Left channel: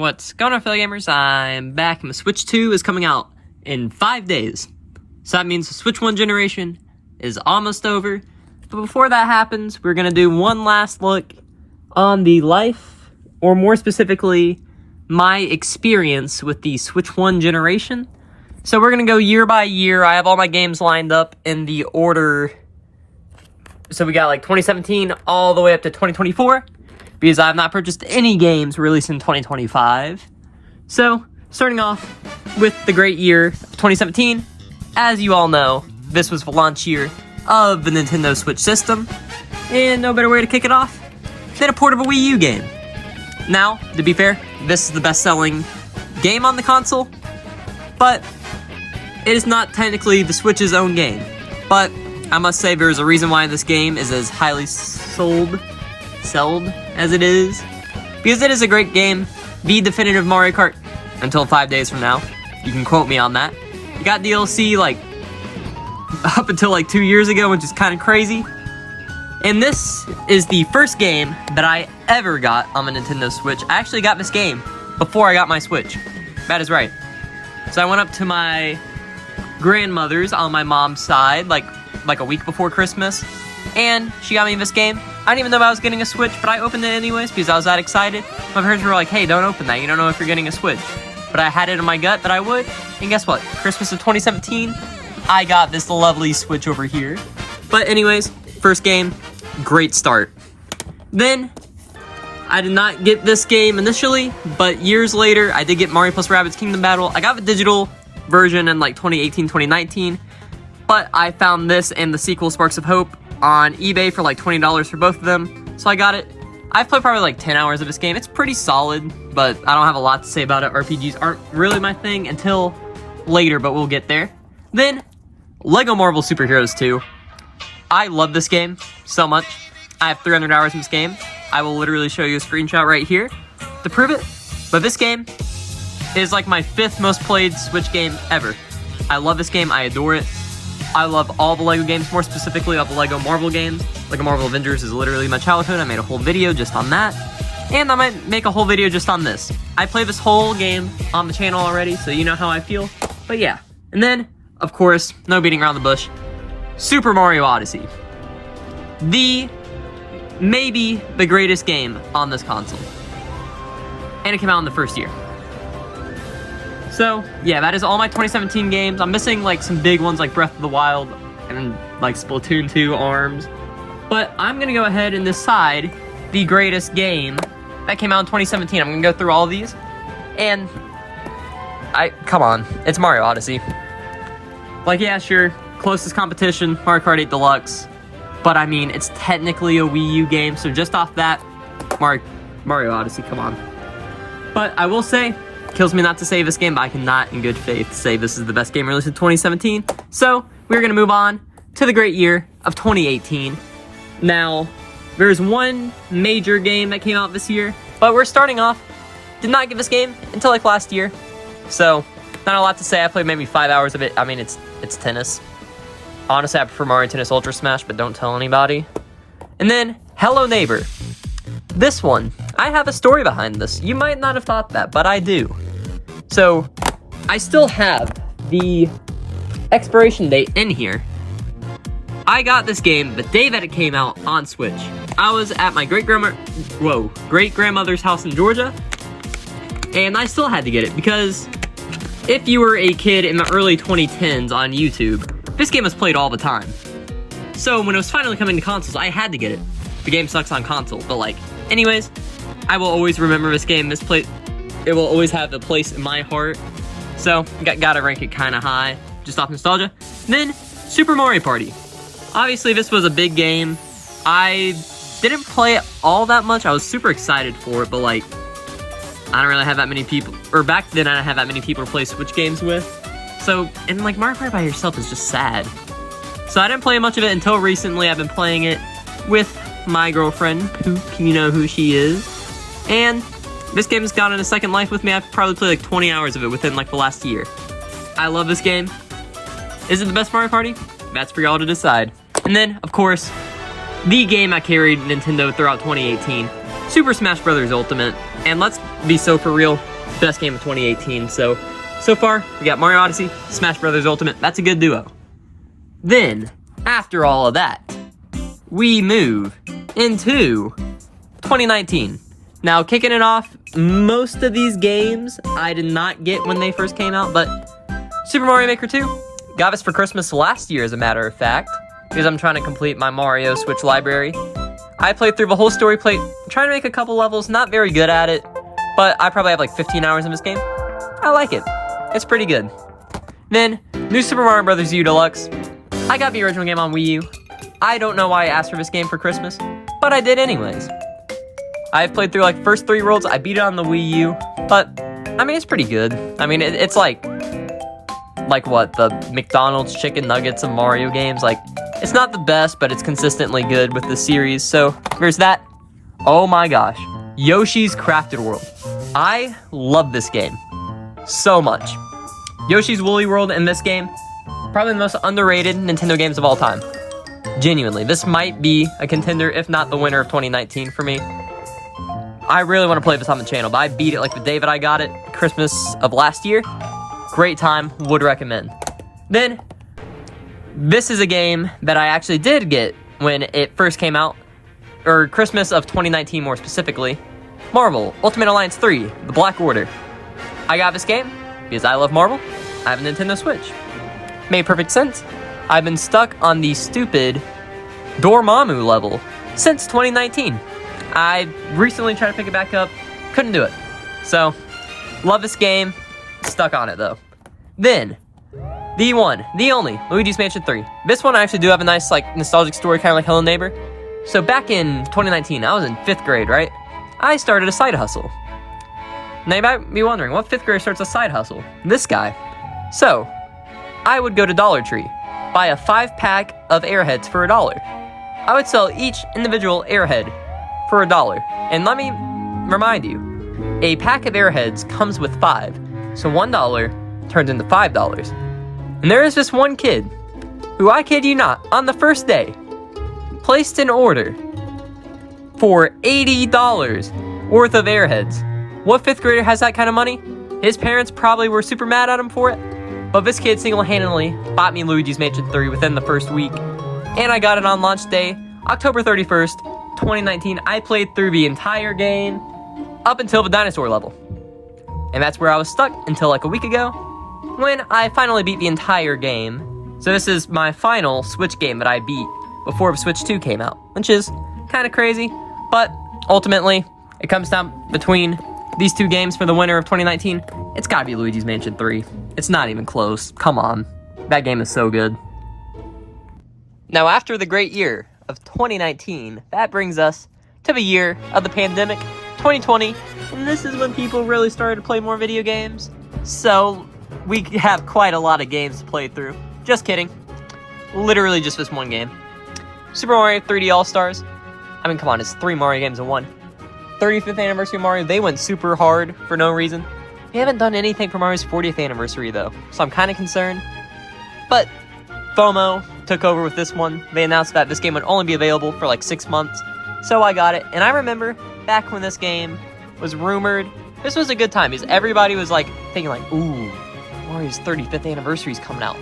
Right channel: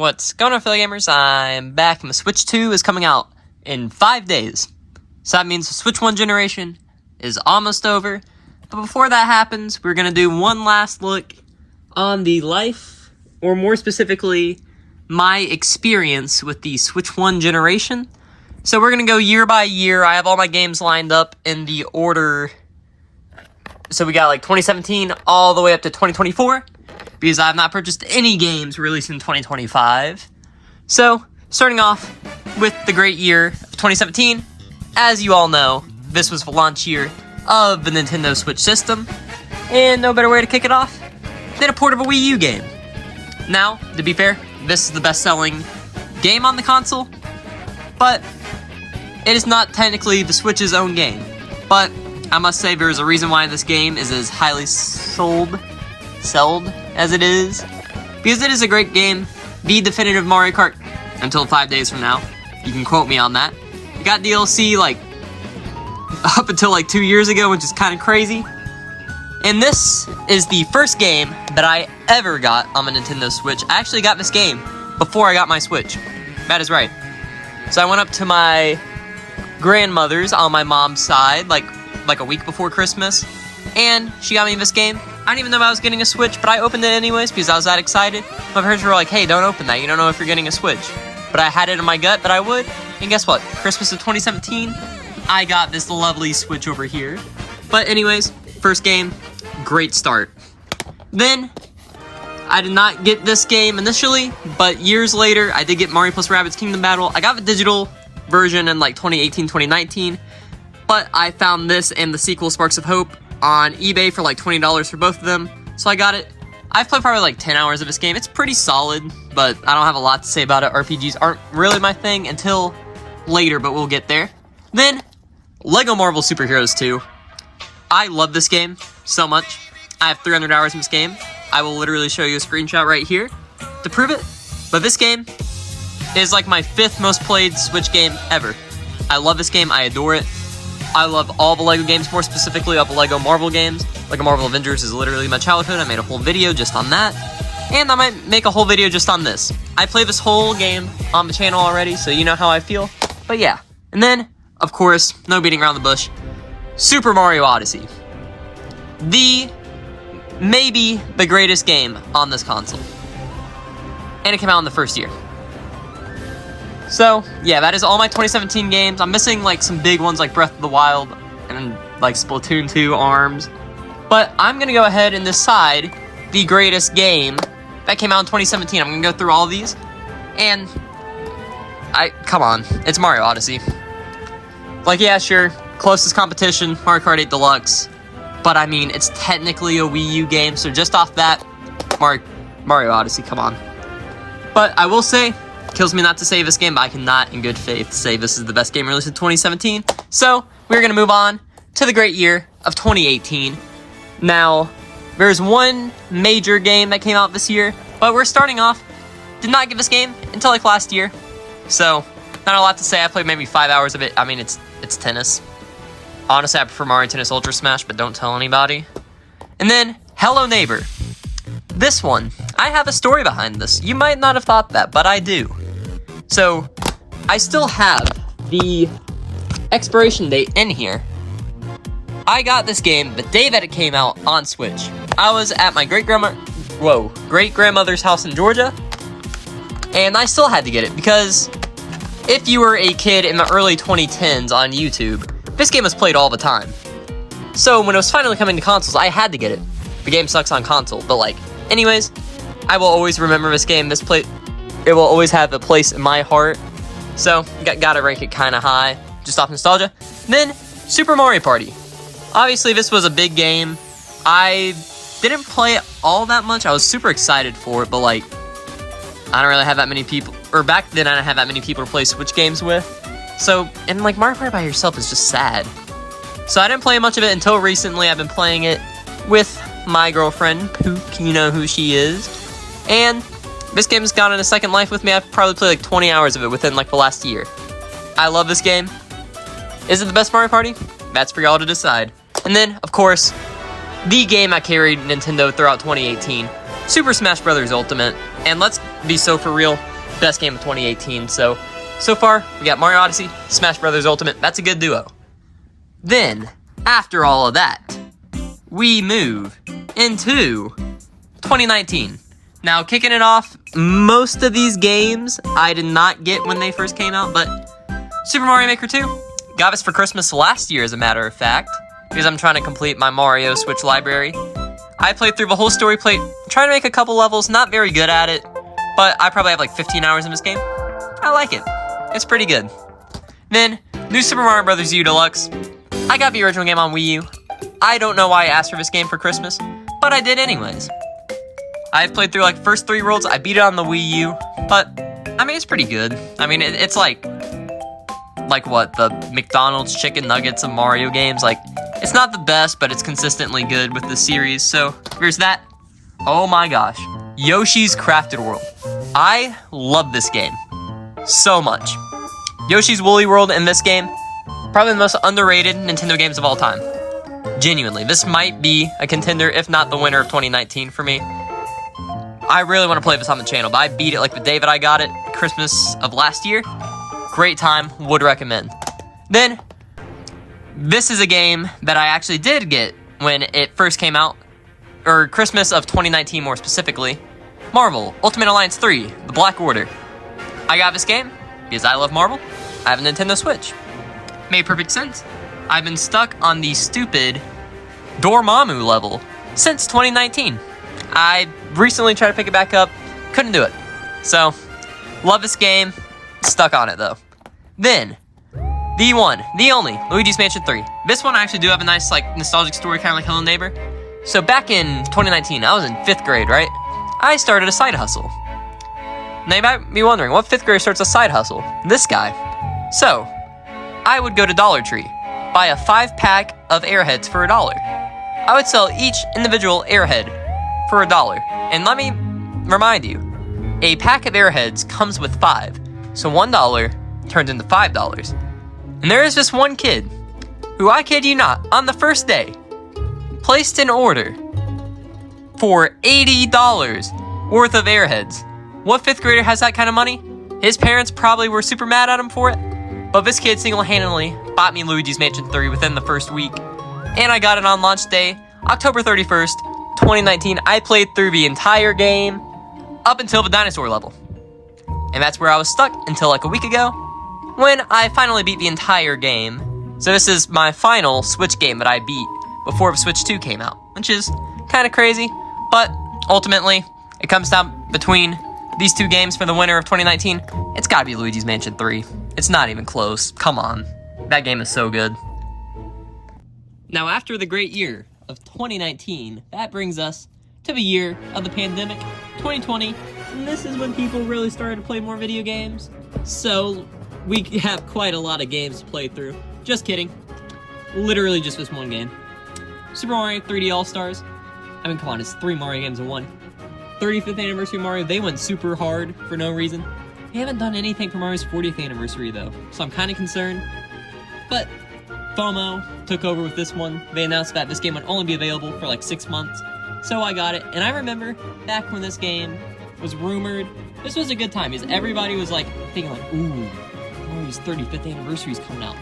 What's going on, fellow gamers? I'm back, and the Switch 2 is coming out in 5 days. So that means the Switch 1 generation is almost over. But before that happens, we're going to do one last look on the life, or more specifically, my experience with the Switch 1 generation. So we're going to go year by year. I have all my games lined up in the order. So we got like 2017 all the way up to 2024. Because I have not purchased any games released in 2025. So, starting off with the great year of 2017. As you all know, this was the launch year of the Nintendo Switch system. And no better way to kick it off than a port of a Wii U game. Now, to be fair, this is the best-selling game on the console. But it is not technically the Switch's own game. But I must say there's a reason why this game is as highly sold as it is, because it is a great game, the definitive Mario Kart, until 5 days from now. You can quote me on that. It got DLC like up until like 2 years ago, which is kind of crazy. And this is the first game that I ever got on the Nintendo Switch. I actually got this game before I got my Switch. That is right. So I went up to my grandmother's on my mom's side like a week before Christmas, and she got me this game. I didn't even know I was getting a Switch, but I opened it anyways because I was that excited. My parents were like, hey, don't open that. You don't know if you're getting a Switch. But I had it in my gut that I would. And guess what? Christmas of 2017, I got this lovely Switch over here. But anyways, first game, great start. Then, I did not get this game initially, but years later, I did get Mario plus Rabbids Kingdom Battle. I got the digital version in like 2018, 2019. But I found this and the sequel, Sparks of Hope, on eBay for like $20 for both of them, so I got it. I've played probably like 10 hours of this game. It's pretty solid, but I don't have a lot to say about it. RPGs aren't really my thing until later, but we'll get there. Then, LEGO Marvel Super Heroes 2. I love this game so much. I have 300 hours in this game. I will literally show you a screenshot right here to prove it, but this game is like my 5th most played Switch game ever. I love this game. I adore it. I love all the LEGO games, more specifically all the LEGO Marvel games. LEGO Marvel Avengers is literally my childhood. I made a whole video just on that. And I might make a whole video just on this. I play this whole game on the channel already, so you know how I feel. But yeah. And then, of course, no beating around the bush, Super Mario Odyssey. Maybe the greatest game on this console. And it came out in the first year. So, yeah, that is all my 2017 games. I'm missing, like, some big ones like Breath of the Wild and, like, Splatoon 2, ARMS. But I'm going to go ahead and decide the greatest game that came out in 2017. I'm going to go through all of these. And, come on, it's Mario Odyssey. Like, yeah, sure, closest competition, Mario Kart 8 Deluxe. But, I mean, it's technically a Wii U game, so just off that, Mario Odyssey, come on. But I will say, kills me not to say this game, but I cannot in good faith say this is the best game released in 2017. So, we're going to move on to the great year of 2018. Now, there's one major game that came out this year, but we're starting off, did not get this game until like last year. So, not a lot to say. I played maybe 5 hours of it. I mean, it's tennis. Honestly, I prefer Mario Tennis Ultra Smash, but don't tell anybody. And then, Hello Neighbor. This one, I have a story behind this. You might not have thought that, but I do. So, I still have the expiration date in here. I got this game the day that it came out on Switch. I was at my great-grandmother's house in Georgia, and I still had to get it because if you were a kid in the early 2010s on YouTube, this game was played all the time. So, when it was finally coming to consoles, I had to get it. The game sucks on console, but like, anyways, I will always remember this game. It will always have a place in my heart. So, gotta rank it kind of high, just off nostalgia. Then, Super Mario Party. Obviously, this was a big game. I didn't play it all that much. I was super excited for it, but like, I don't really have that many people, or back then I didn't have that many people to play Switch games with. So, and like, Mario Party by yourself is just sad. So I didn't play much of it until recently. I've been playing it with my girlfriend, who you know who she is, and this game has gone in a second life with me. I've probably played like 20 hours of it within like the last year. I love this game. Is it the best Mario Party? That's for y'all to decide. And then, of course, the game I carried Nintendo throughout 2018, Super Smash Bros. Ultimate, and let's be so for real, best game of 2018. So far, we got Mario Odyssey, Smash Bros. Ultimate. That's a good duo. Then, after all of that, we move into 2019. Now, kicking it off, most of these games I did not get when they first came out, but Super Mario Maker 2 got us for Christmas last year, as a matter of fact, because I'm trying to complete my Mario Switch library. I played through the whole story, trying to make a couple levels, not very good at it, but I probably have like 15 hours in this game. I like it. It's pretty good. Then, New Super Mario Bros. U Deluxe. I got the original game on Wii U. I don't know why I asked for this game for Christmas, but I did anyways. I've played through like first 3 worlds, I beat it on the Wii U, but, I mean, it's pretty good. I mean, it's like what, the McDonald's chicken nuggets of Mario games, like, it's not the best, but it's consistently good with the series, so there's that. Oh my gosh. Yoshi's Crafted World. I love this game so much. Yoshi's Woolly World in this game, probably the most underrated Nintendo games of all time. Genuinely, this might be a contender, if not the winner of 2019 for me. I really want to play this on the channel, but I beat it like the day that I got it, Christmas of last year. Great time, would recommend. Then, this is a game that I actually did get when it first came out, or Christmas of 2019 more specifically. Marvel Ultimate Alliance 3, The Black Order. I got this game because I love Marvel. I have a Nintendo Switch. Made perfect sense. I've been stuck on the stupid Dormammu level since 2019. I recently tried to pick it back up, couldn't do it. So, love this game, stuck on it though. Then, the one, the only, Luigi's Mansion 3. This one I actually do have a nice, like, nostalgic story, kind of like Hello Neighbor. So back in 2019, I was in 5th grade, right? I started a side hustle. Now you might be wondering, what 5th grader starts a side hustle? This guy. So, I would go to Dollar Tree, buy a 5-pack of Airheads for $1. I would sell each individual Airhead for $1. And let me remind you, a pack of Airheads comes with 5, so $1 turns into $5. And there is this one kid, who, I kid you not, on the first day, placed an order for $80 worth of Airheads. What 5th grader has that kind of money? His parents probably were super mad at him for it, but this kid single-handedly bought me Luigi's Mansion 3 within the first week, and I got it on launch day, October 31st, 2019. I played through the entire game up until the dinosaur level, and that's where I was stuck until like a week ago, when I finally beat the entire game. So this is my final Switch game that I beat before Switch 2 came out, which is kind of crazy, but ultimately, it comes down between these 2 games for the winner of 2019. It's gotta be Luigi's Mansion 3. It's not even close. Come on. That game is so good. Now, after the great year of 2019, that brings us to the year of the pandemic, 2020, and this is when people really started to play more video games. So, we have quite a lot of games to play through. Just kidding. Literally just this one game. Super Mario 3D All-Stars. I mean, come on, it's 3 Mario games in one. 35th anniversary of Mario, they went super hard for no reason. They haven't done anything for Mario's 40th anniversary, though, so I'm kind of concerned. But FOMO took over with this one. They announced that this game would only be available for like 6 months, so I got it. And I remember back when this game was rumored, this was a good time, because everybody was like thinking like, ooh, Mario's 35th anniversary is coming out.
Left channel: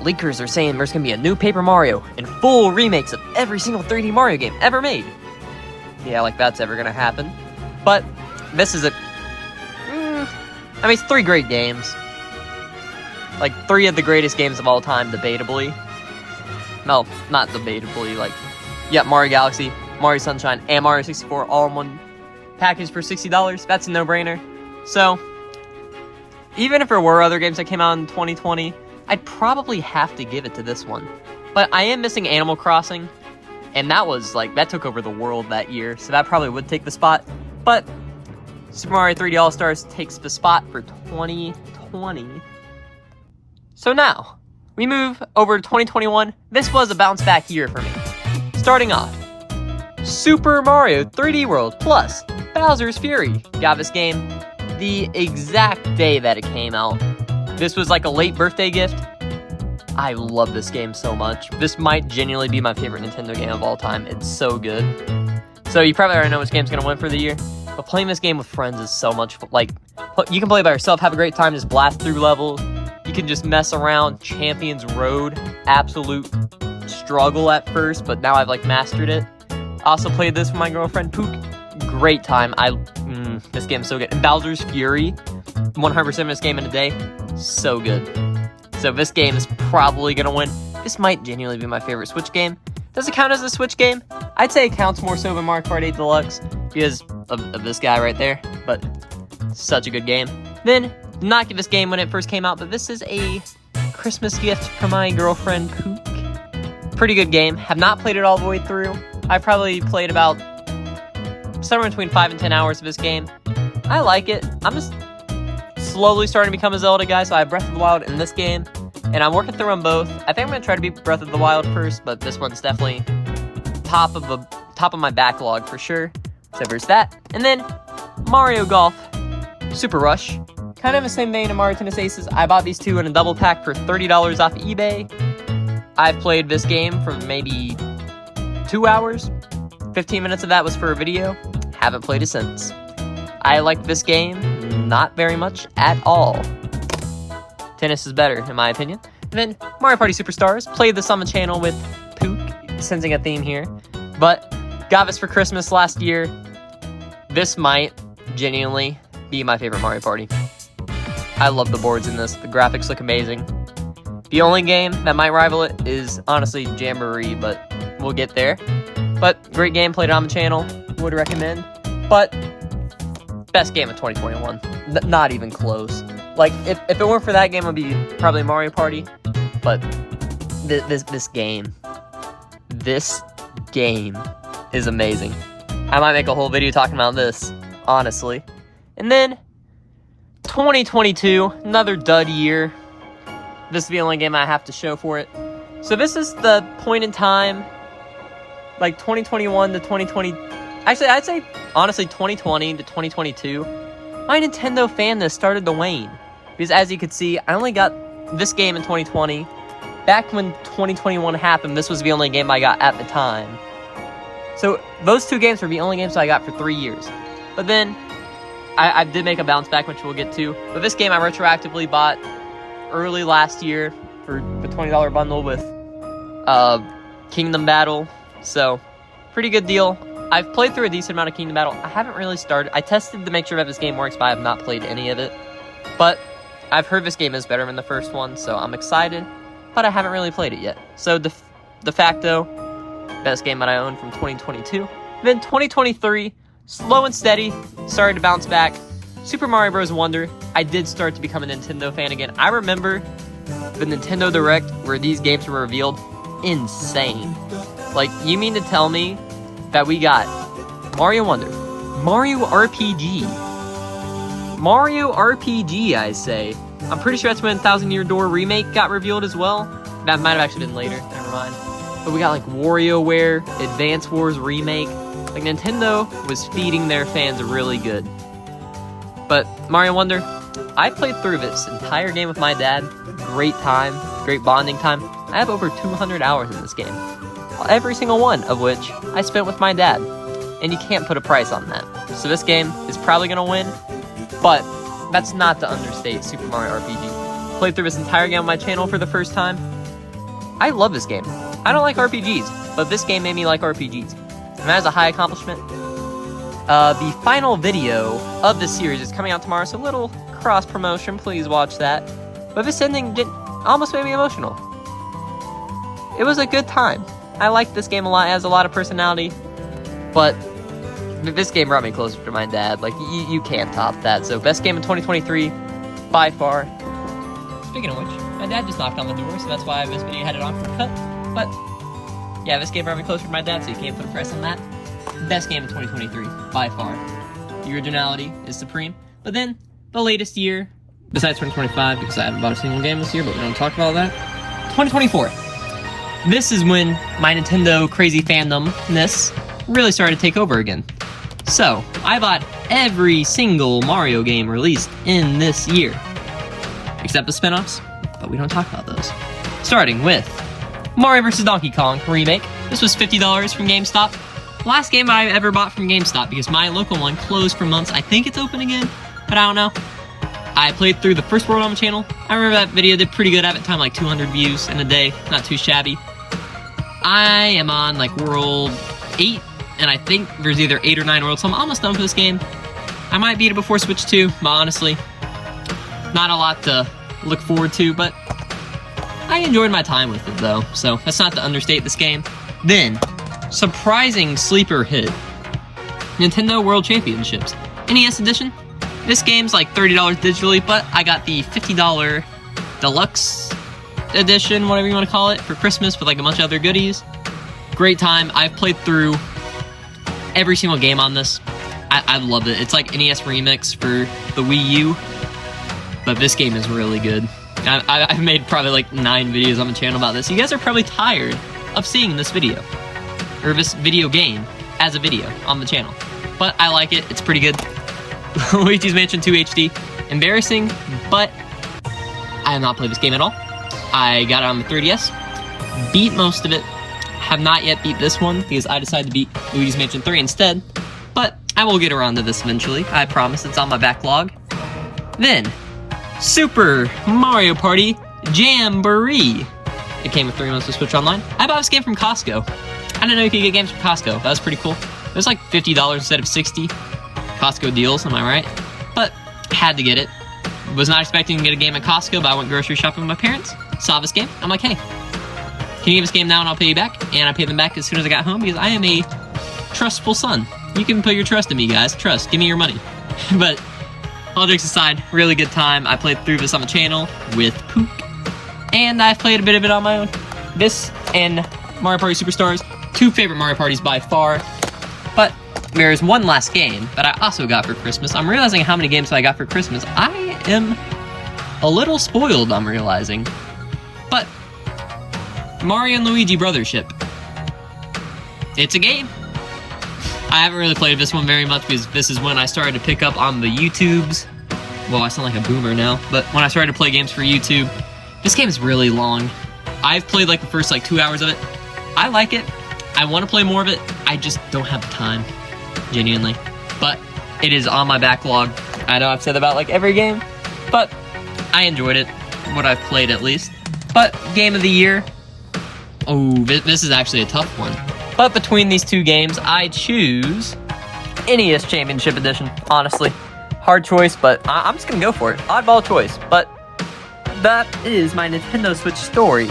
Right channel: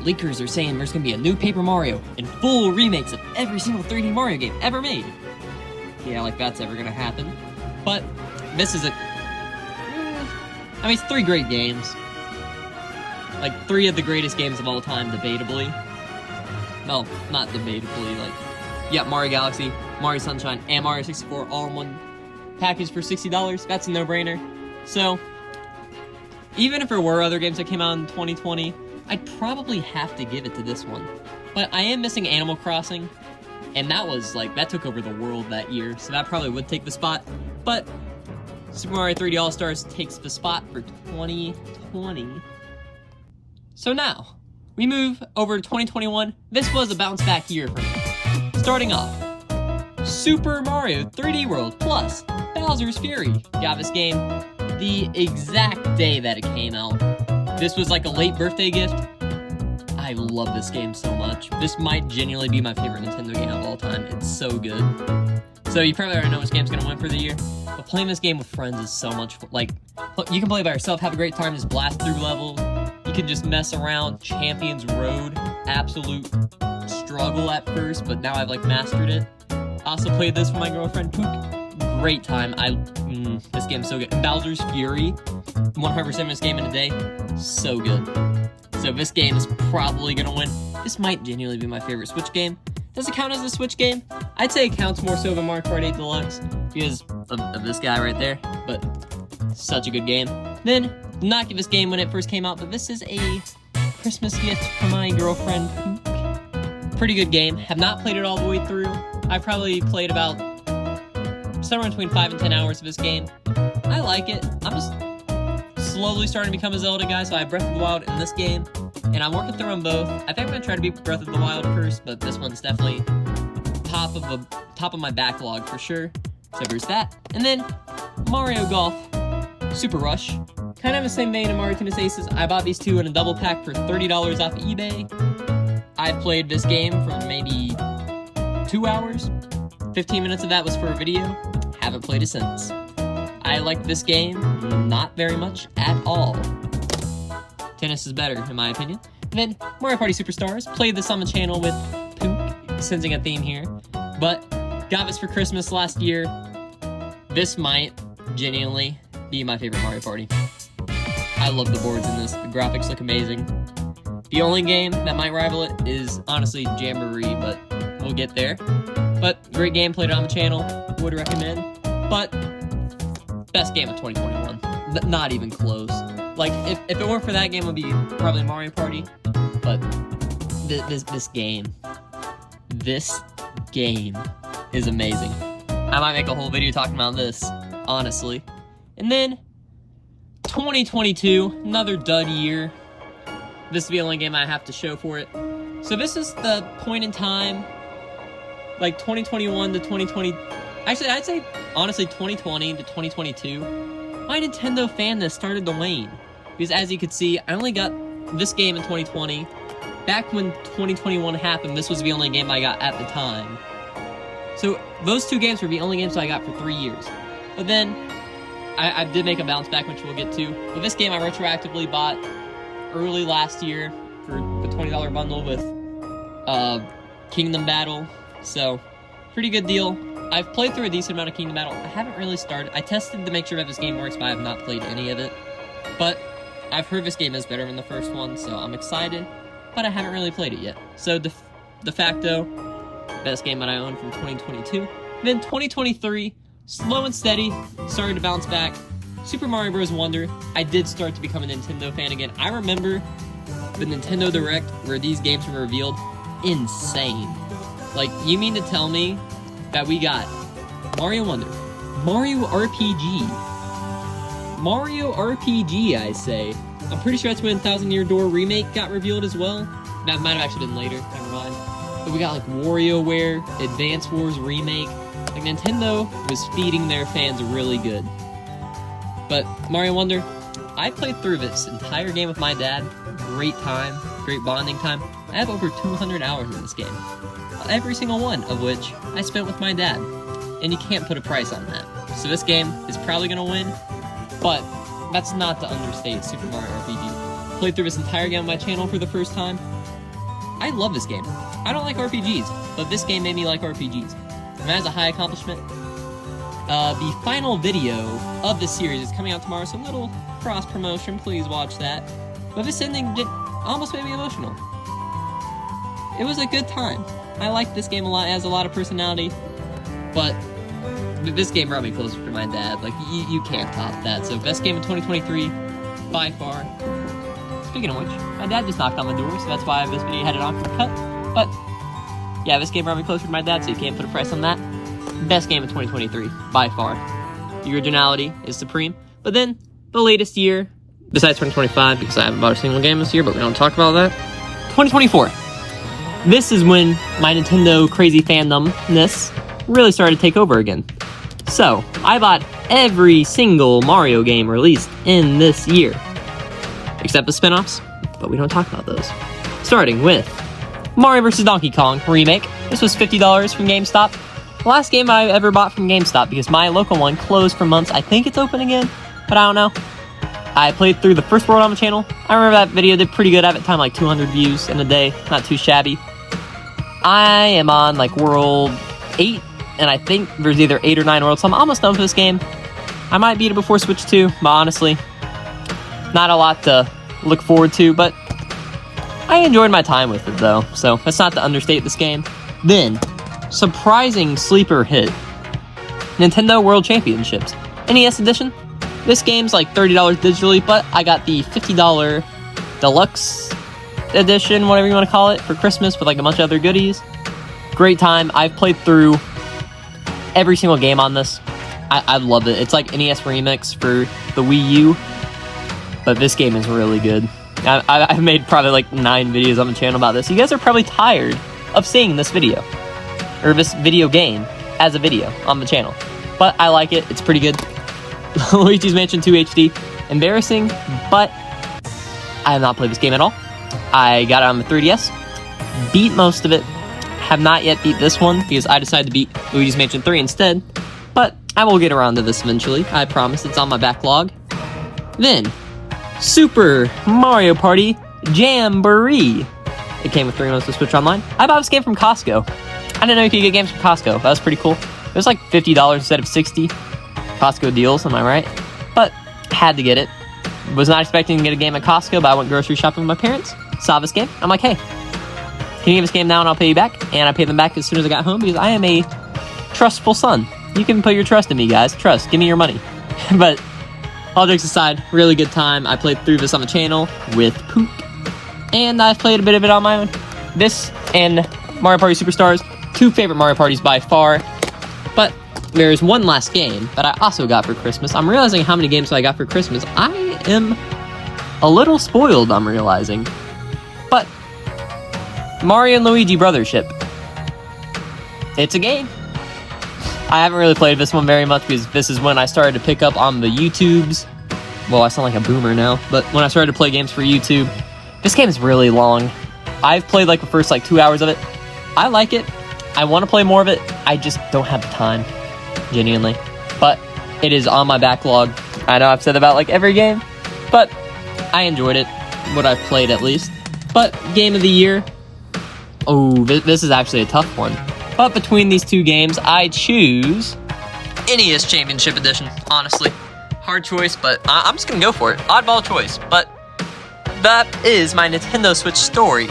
Leakers are saying there's going to be a new Paper Mario and full remakes of every single 3D Mario game ever made. Yeah, like that's ever going to happen. But this is I mean, it's 3 great games. Like, 3 of the greatest games of all time, debatably. No, not debatably, like, yeah, Mario Galaxy, Mario Sunshine, and Mario 64 all in one package for $60. That's a no-brainer. So, even if there were other games that came out in 2020, I'd probably have to give it to this one. But I am missing Animal Crossing, and that was, like, that took over the world that year, so that probably would take the spot. But Super Mario 3D All-Stars takes the spot for 2020. So now, we move over to 2021. This was a bounce-back year for me. Starting off, Super Mario 3D World plus Bowser's Fury. Got this game the exact day that it came out. This was like a late birthday gift. I love this game so much. This might genuinely be my favorite Nintendo game of all time. It's so good. So you probably already know which game's gonna win for the year. But playing this game with friends is so much fun. Like, you can play by yourself, have a great time, just blast through levels. You can just mess around. Champions Road, absolute struggle at first, but now I've like mastered it. I also played this with my girlfriend Pook. Great time. This game's so good. And Bowser's Fury, 100% this game in a day, so good. So this game is probably gonna win. This might genuinely be my favorite Switch game. Does it count as a Switch game? I'd say it counts more so than Mario Kart 8 Deluxe because of this guy right there, but such a good game. Then, did not give this game when it first came out, but this is a Christmas gift for my girlfriend Pook. Pretty good game. Have not played it all the way through. I probably played about somewhere between 5 and 10 hours of this game. I like it. I'm just slowly starting to become a Zelda guy, so I have Breath of the Wild in this game, and I'm working through them both. I think I'm going to try to beat Breath of the Wild first, but this one's definitely top of my backlog for sure. So there's that. And then Mario Golf Super Rush. Kind of the same vein of Mario Tennis Aces. I bought these two in a double pack for $30 off eBay. I've played this game for maybe 2 hours. 15 minutes of that was for a video. Haven't played it since. I like this game not very much at all. Tennis is better, in my opinion. And then Mario Party Superstars. Played this on the channel with Pook, sensing a theme here. But got this for Christmas last year. This might genuinely be my favorite Mario Party. I love the boards in this. The graphics look amazing. The only game that might rival it is honestly Jamboree, but we'll get there. But great game, played it on the channel, would recommend. But best game of 2021, not even close. Like, if it weren't for that game, it would be probably Mario Party. But this game is amazing. I might make a whole video talking about this, honestly. And then 2022, another dud year. This is the only game I have to show for it. So this is the point in time, like 2021 to 2020. Actually, I'd say, honestly, 2020 to 2022. My Nintendo fandom started to wane. Because as you could see, I only got this game in 2020. Back when 2021 happened, this was the only game I got at the time. So those two games were the only games I got for 3 years. But then, I did make a bounce back, which we'll get to. But this game I retroactively bought early last year for the $20 bundle with Kingdom Battle. So, pretty good deal. I've played through a decent amount of Kingdom Battle. I haven't really started. I tested to make sure that this game works, but I have not played any of it. But I've heard this game is better than the first one, so I'm excited. But I haven't really played it yet. So, de facto, best game that I own from 2022. Then 2023, slow and steady, started to bounce back. Super Mario Bros. Wonder, I did start to become a Nintendo fan again. I remember the Nintendo Direct where these games were revealed. Insane. Like, you mean to tell me that we got Mario Wonder, Mario RPG, I say. I'm pretty sure that's when 1,000 Year Door Remake got revealed as well. That might have actually been later, never mind. But we got like WarioWare, Advance Wars Remake. Like, Nintendo was feeding their fans really good. But Mario Wonder, I played through this entire game with my dad. Great time, great bonding time. I have over 200 hours in this game. Every single one of which I spent with my dad. And you can't put a price on that. So this game is probably going to win. But that's not to understate Super Mario RPG. Played through this entire game on my channel for the first time. I love this game. I don't like RPGs, but this game made me like RPGs. And that is a high accomplishment. The final video of the series is coming out tomorrow, so a little cross-promotion, please watch that. But this ending almost made me emotional. It was a good time. I liked this game a lot, it has a lot of personality, but this game brought me closer to my dad. Like, you can't top that. So, best game of 2023, by far. Speaking of which, my dad just knocked on the door, so that's why this video had it on for cut. But, yeah, this game brought me closer to my dad, so you can't put a price on that. Best game of 2023, by far. The originality is supreme. But then, the latest year, besides 2025, because I haven't bought a single game this year, but we don't talk about that. 2024. This is when my Nintendo crazy fandomness really started to take over again. So, I bought every single Mario game released in this year. Except the spin-offs, but we don't talk about those. Starting with Mario vs. Donkey Kong Remake. This was $50 from GameStop. the last game I ever bought from GameStop because my local one closed for months. I think it's open again, but I don't know. I played through the first world on the channel. I remember that video did pretty good. I have it time like 200 views in a day. Not too shabby. I am on like world 8, and I think there's either 8 or 9 worlds, so I'm almost done with this game. I might beat it before Switch 2, but honestly, not a lot to look forward to, but I enjoyed my time with it though, so that's not to understate this game. Then, surprising sleeper hit. Nintendo World Championships. NES Edition. This game's like $30 digitally, but I got the $50 Deluxe Edition, whatever you want to call it, for Christmas with like a bunch of other goodies. Great time. I've played through every single game on this. I love it. It's like NES Remix for the Wii U, but this game is really good. I've made probably like 9 videos on the channel about this. You guys are probably tired of seeing this video, or this video game as a video on the channel, but I like it. It's pretty good. Luigi's Mansion 2 HD. Embarrassing, but I have not played this game at all. I got it on the 3DS, beat most of it, have not yet beat this one because I decided to beat Luigi's Mansion 3 instead, but I will get around to this eventually. I promise. It's on my backlog. Then, Super Mario Party Jamboree. It came with 3 months of Switch Online. I bought this game from Costco. I didn't know you could get games from Costco. That was pretty cool. It was like $50 instead of $60. Costco deals, am I right? But had to get it. Was not expecting to get a game at Costco, but I went grocery shopping with my parents. Saw this game. I'm like, hey, can you give this game now and I'll pay you back? And I paid them back as soon as I got home because I am a trustful son. You can put your trust in me, guys. Trust. Give me your money. But all jokes aside, really good time. I played through this on the channel with Pook, and I've played a bit of it on my own. This and Mario Party Superstars, 2 favorite Mario Parties by far. But there's one last game that I also got for Christmas. I'm realizing how many games I got for Christmas. I am a little spoiled, I'm realizing. But Mario and Luigi Brothership. It's a game. I haven't really played this one very much because this is when I started to pick up on the YouTubes. Well, I sound like a boomer now, but when I started to play games for YouTube, this game is really long. I've played like the first like 2 hours of it. I like it. I want to play more of it. I just don't have the time, genuinely. But it is on my backlog. I know I've said about like every game, but I enjoyed it, what I've played at least. But Game of the Year, oh, this is actually a tough one. But between these 2 games, I choose NES Championship Edition, honestly. Hard choice, but I'm just gonna go for it. Oddball choice, but that is my Nintendo Switch story.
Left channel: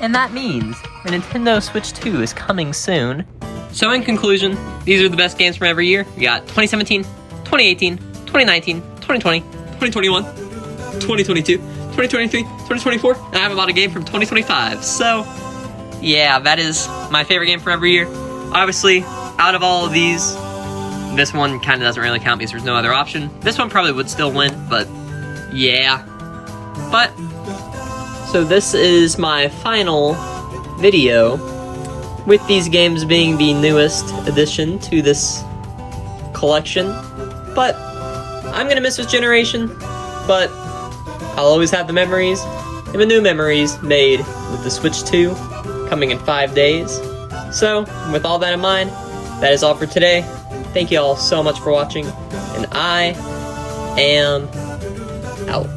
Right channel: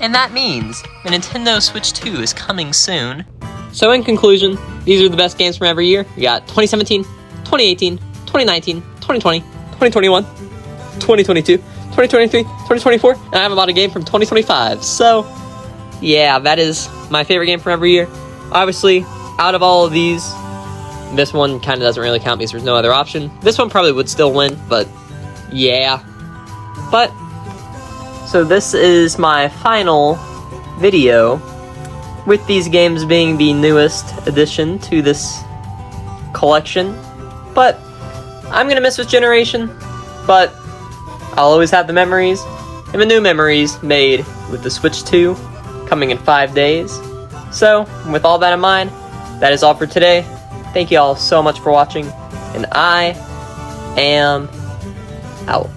And that means the Nintendo Switch 2 is coming soon. So in conclusion, these are the best games from every year. We got 2017, 2018, 2019, 2020, 2021, 2022, 2023, 2024, and I have about a game from 2025. So, yeah, that is my favorite game from every year. Obviously, out of all of these, this one kind of doesn't really count because there's no other option. This one probably would still win, but yeah. But, so this is my final video, with these games being the newest addition to this collection. But I'm gonna miss this generation, but I'll always have the memories, and the new memories made with the Switch 2 coming in 5 days. So, with all that in mind, that is all for today. Thank you all so much for watching, and I am out.